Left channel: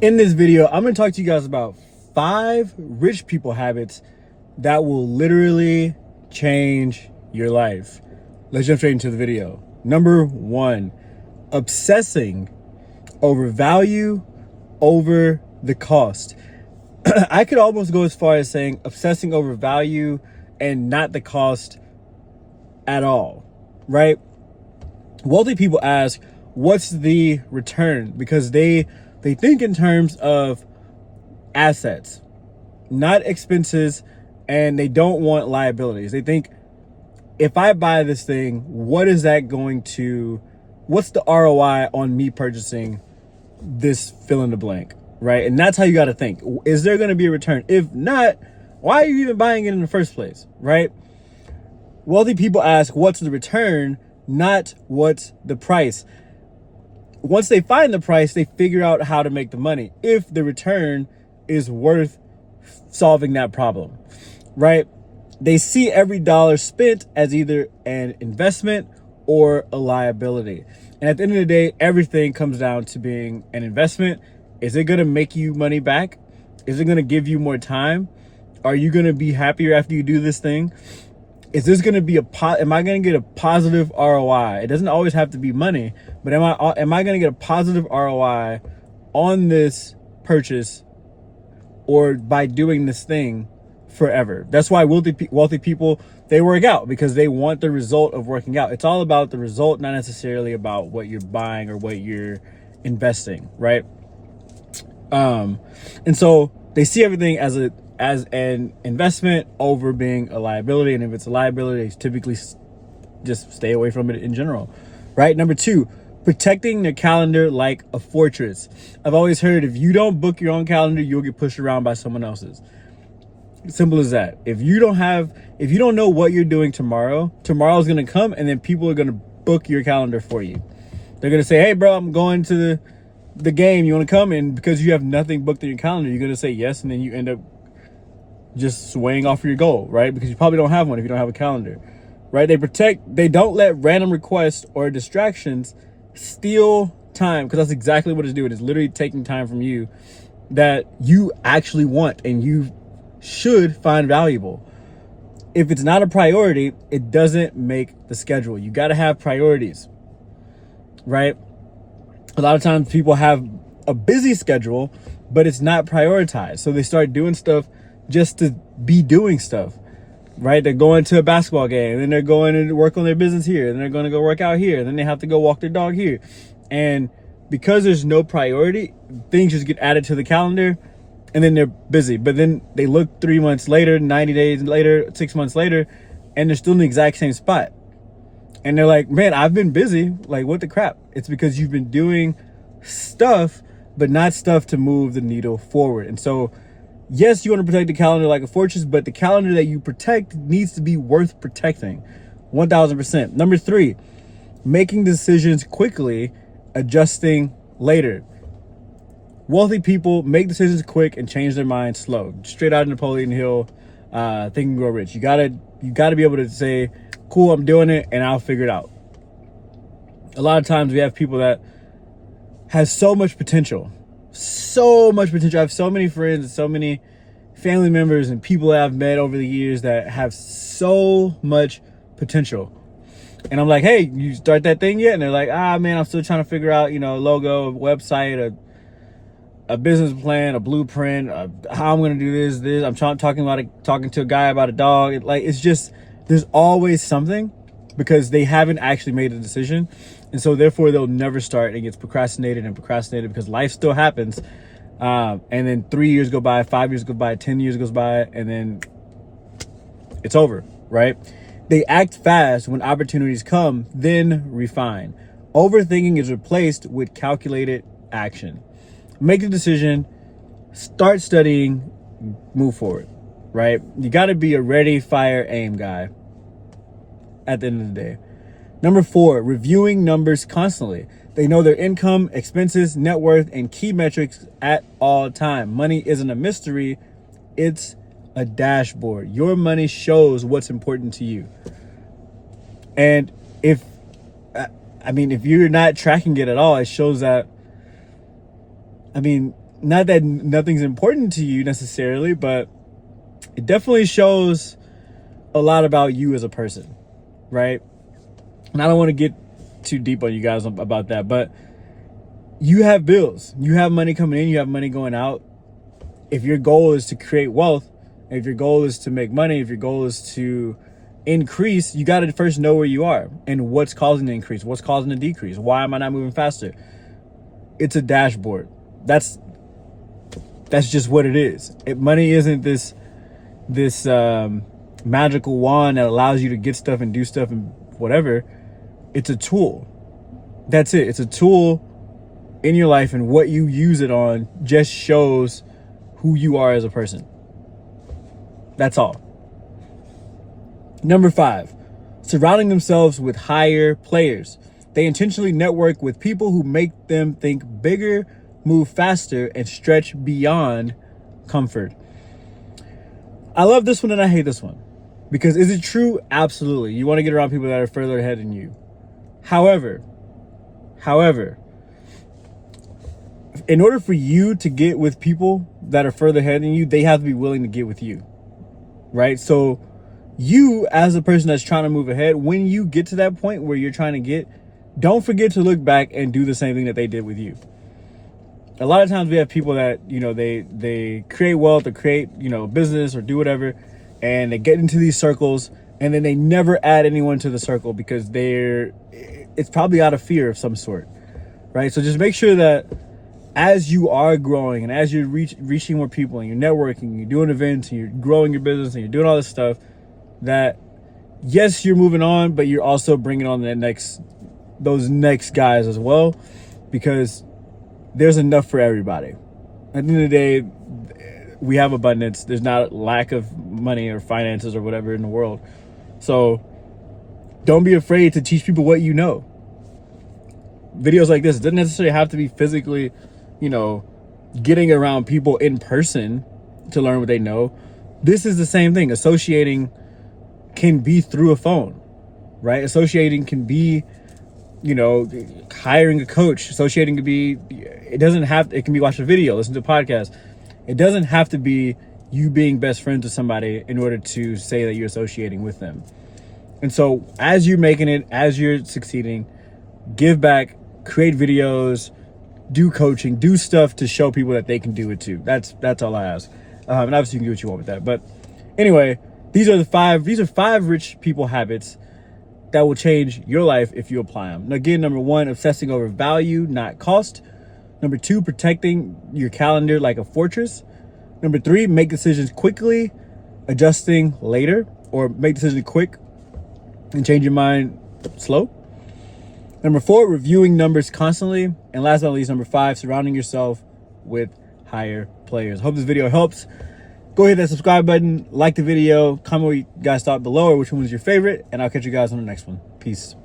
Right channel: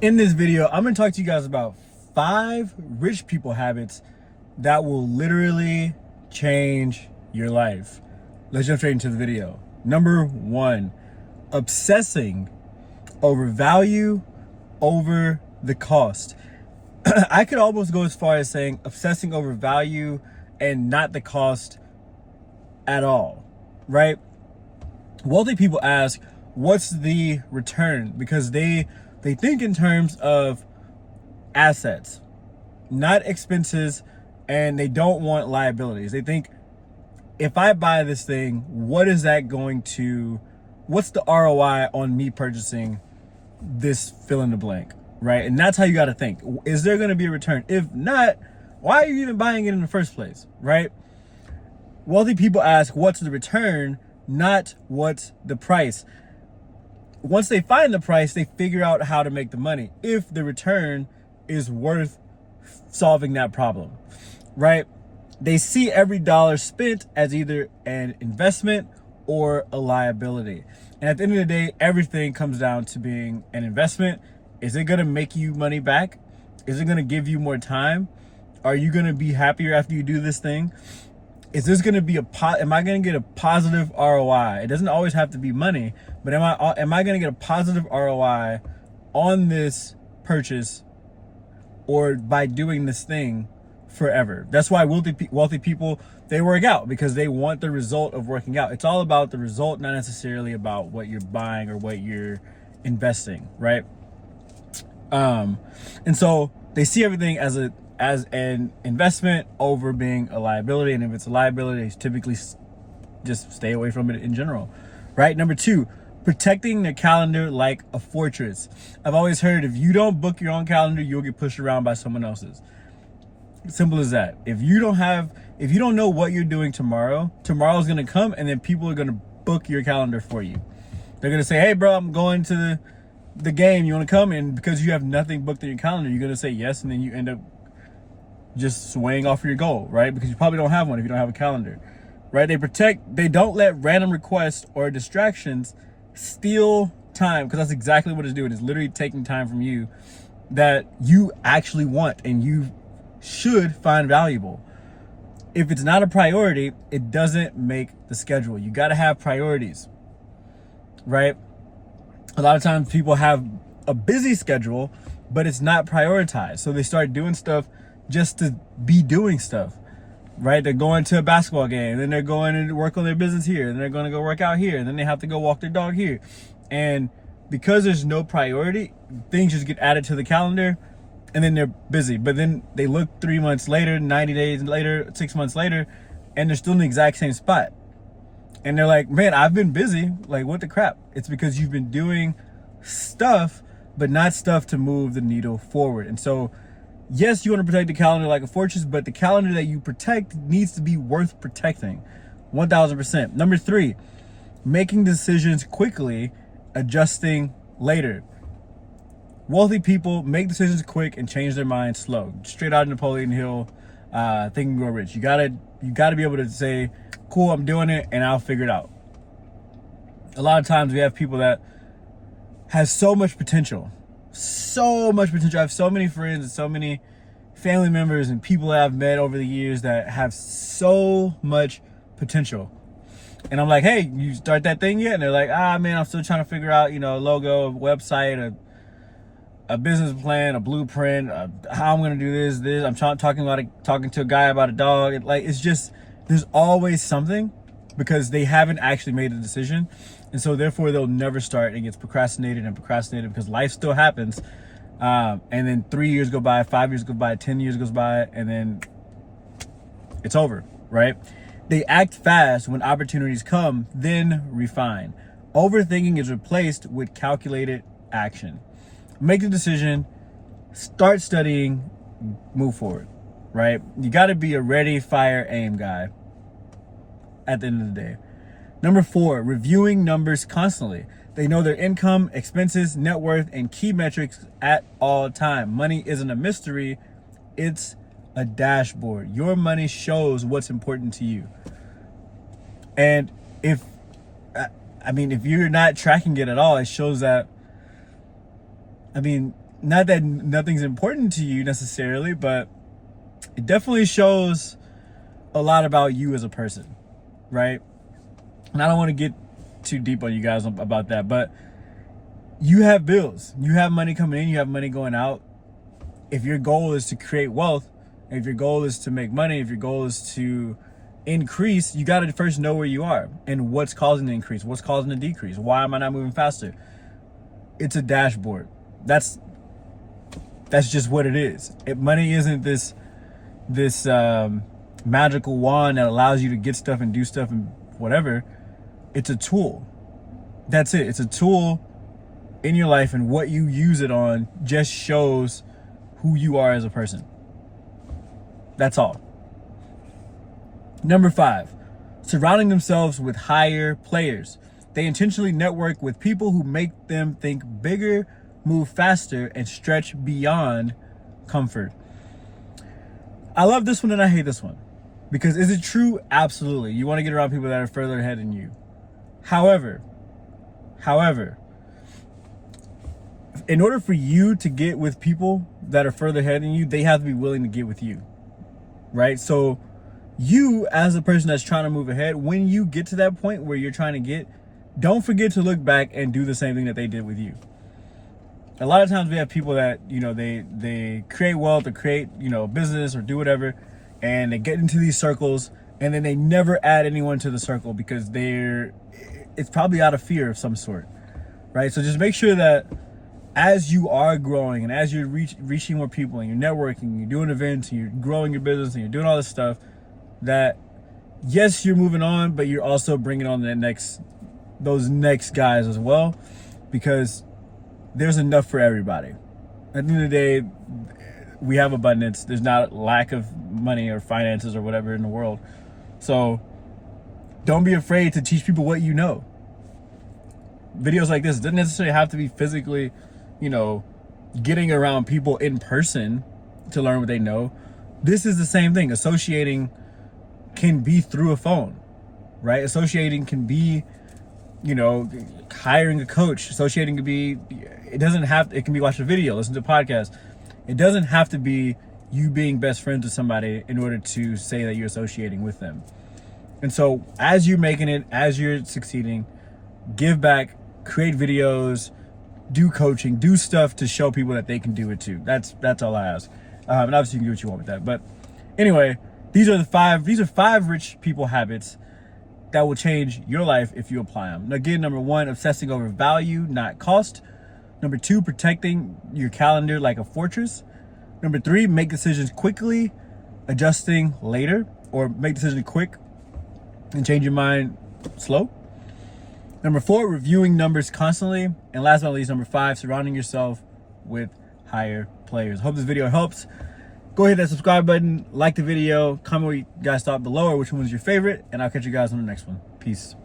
In this video, I'm going to talk to you guys about 5 rich people habits that will literally change your life. Let's jump straight into the video. Number 1, obsessing over value over the cost. I could almost go as far as saying obsessing over value and not the cost at all, right? Wealthy people ask, what's the return? Because they think in terms of assets, not expenses, and they don't want liabilities. They think, if I buy this thing, what's the ROI on me purchasing this fill in the blank, right? And that's how you got to think. Is there going to be a return? If not, why are you even buying it in the first place, right? Wealthy people ask, what's the return, not what's the price. Once they find the price, they figure out how to make the money, if the return is worth solving that problem, right? They see every dollar spent as either an investment or a liability. And at the end of the day, everything comes down to being an investment. Is it going to make you money back? Is it going to give you more time? Are you going to be happier after you do this thing? Is this going to be am I going to get a positive ROI? It doesn't always have to be money, but am I going to get a positive ROI on this purchase or by doing this thing forever? That's why wealthy people, they work out, because they want the result of working out. It's all about the result, not necessarily about what you're buying or what you're investing, right? And so they see everything as an investment over being a liability. And if it's a liability, they typically just stay away from it in general, right? Number 2, protecting their calendar like a fortress. I've always heard, if you don't book your own calendar, you'll get pushed around by someone else's. Simple as that. If you don't know what you're doing tomorrow's going to come, and then people are going to book your calendar for you. They're going to say, hey bro, I'm going to the game, you want to come? And because you have nothing booked in your calendar, you're going to say yes, and then you end up just swaying off your goal, right? Because you probably don't have one if you don't have a calendar, right? They don't let random requests or distractions steal time, because that's exactly what it's doing. It's literally taking time from you that you actually want and you should find valuable. If it's not a priority, it doesn't make the schedule. You got to have priorities, right? A lot of times people have a busy schedule, but it's not prioritized. So they start doing stuff just to be doing stuff, right? They're going to a basketball game, then they're going to work on their business here, then they're going to go work out here, then they have to go walk their dog here. And because there's no priority, things just get added to the calendar, and then they're busy. But then they look 3 months later, 90 days later, 6 months later, and they're still in the exact same spot. And they're like, man, I've been busy. Like, what the crap? It's because you've been doing stuff, but not stuff to move the needle forward. And so, yes, you want to protect the calendar like a fortress, but the calendar that you protect needs to be worth protecting. 1000%. Number 3, making decisions quickly, adjusting later. Wealthy people make decisions quick and change their mind slow. Straight out of Napoleon Hill, Think and Grow Rich. You gotta be able to say, cool, I'm doing it, and I'll figure it out. A lot of times we have people that have so much potential. I have so many friends and so many family members and people that I've met over the years that have so much potential. And I'm like, hey, you start that thing yet? And they're like, man, I'm still trying to figure out, a logo, a website, a business plan, a blueprint, how I'm going to do this. I'm talking to a guy about a dog. It's just, there's always something, because they haven't actually made a decision. And so therefore they'll never start. It gets procrastinated because life still happens. And then 3 years go by, 5 years go by, 10 years goes by, and then it's over, right? They act fast when opportunities come, then refine. Overthinking is replaced with calculated action. Make a decision, start studying, move forward, right? You got to be a ready, fire, aim guy at the end of the day. Number 4, reviewing numbers constantly. They know their income, expenses, net worth, and key metrics at all time. Money isn't a mystery, it's a dashboard. Your money shows what's important to you. And if you're not tracking it at all, it shows that, Not that nothing's important to you necessarily, but it definitely shows a lot about you as a person, right? And I don't want to get too deep on you guys about that, but you have bills, you have money coming in, you have money going out. If your goal is to create wealth, if your goal is to make money, if your goal is to increase, you got to first know where you are and what's causing the increase, what's causing the decrease. Why am I not moving faster? It's a dashboard. That's just what it is. Money isn't this magical wand that allows you to get stuff and do stuff and whatever. It's a tool. That's it. It's a tool in your life, and what you use it on just shows who you are as a person. That's all. Number 5, surrounding themselves with higher players. They intentionally network with people who make them think bigger, move faster, and stretch beyond comfort. I love this one and I hate this one. Because is it true? Absolutely. You want to get around people that are further ahead than you. However, in order for you to get with people that are further ahead than you, they have to be willing to get with you, right? So you, as a person that's trying to move ahead, when you get to that point where you're trying to get, don't forget to look back and do the same thing that they did with you. A lot of times we have people that, you know, they create wealth or create, you know, business or do whatever, and they get into these circles and then they never add anyone to the circle because it's probably out of fear of some sort, right? So just make sure that as you are growing and as you're reaching more people and you're networking, you're doing events and you're growing your business and you're doing all this stuff, that yes, you're moving on, but you're also bringing on those next guys as well, because there's enough for everybody. At the end of the day, we have abundance. There's not lack of money or finances or whatever in the world. So don't be afraid to teach people what you know. Videos like this, it doesn't necessarily have to be physically, you know, getting around people in person to learn what they know. This is the same thing. Associating can be through a phone, right? Associating can be, you know, hiring a coach. Associating could be, it can be watching a video, listen to a podcast. It doesn't have to be you being best friends with somebody in order to say that you're associating with them. And so as you're making it, as you're succeeding, give back, create videos, do coaching, do stuff to show people that they can do it too. That's all I ask. And obviously you can do what you want with that. But anyway, these are 5 rich people habits that will change your life if you apply them. Now, again, number 1, obsessing over value, not cost. Number 2, protecting your calendar like a fortress. Number 3, make decisions quickly, adjusting later, or make decisions quick and change your mind slow. Number 4, reviewing numbers constantly. And last but not least, number 5, surrounding yourself with higher players. Hope this video helps. Go hit that subscribe button, like the video, comment what you guys thought below or which one was your favorite, and I'll catch you guys on the next one. Peace.